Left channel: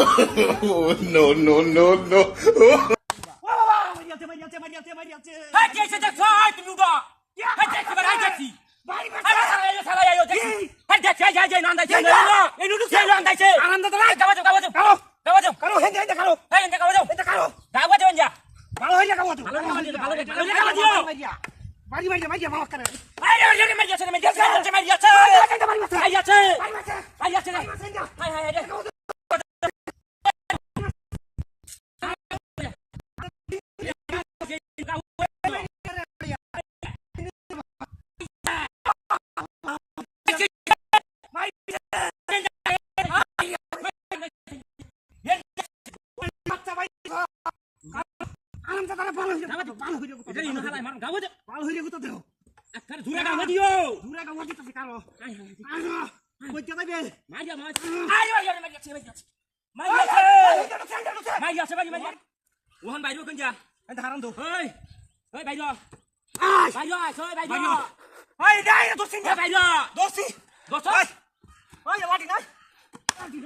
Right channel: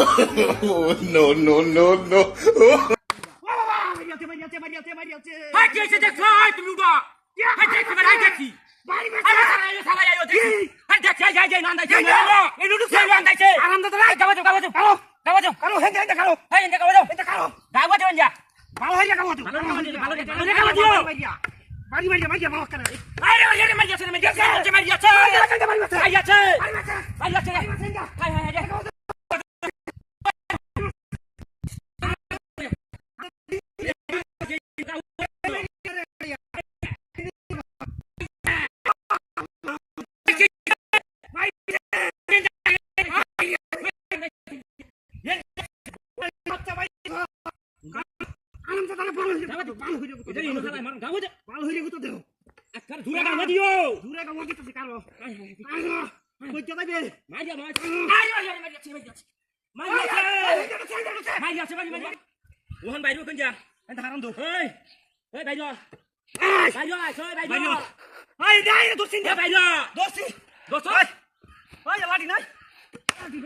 Oh, no, no, no, no. Hai ce te fai tu luda? Hai ce te vai দেখি hai সালা আইও দেখি hai যাই না আন্দাইছে এই লুডু খেলো আন্দাইছে আনন্দ তো নাই গাওয়া যাও কারো হেন কারো গাওয়া যাও যা ভালো হই যা গাওয়া যাও ভালো গাওয়া দিও মারি মাওয়া করে আরে মারিয়াছে হাই এটা ইনো খালাই মার গাওয়া যাও ভালো হই রে তো দেও আকার জুরা গাওয়া দিও জুরা গাওয়া দিতেছে কারো কইতে যাবে মারিয়া মারিয়াছে ওহন বাইরো কোন যা এটা হারাম দো ওই বাইরো বাইরো ওই দাই দোসিন যা বাইরো দোসি ওই লাডি নাই লাডি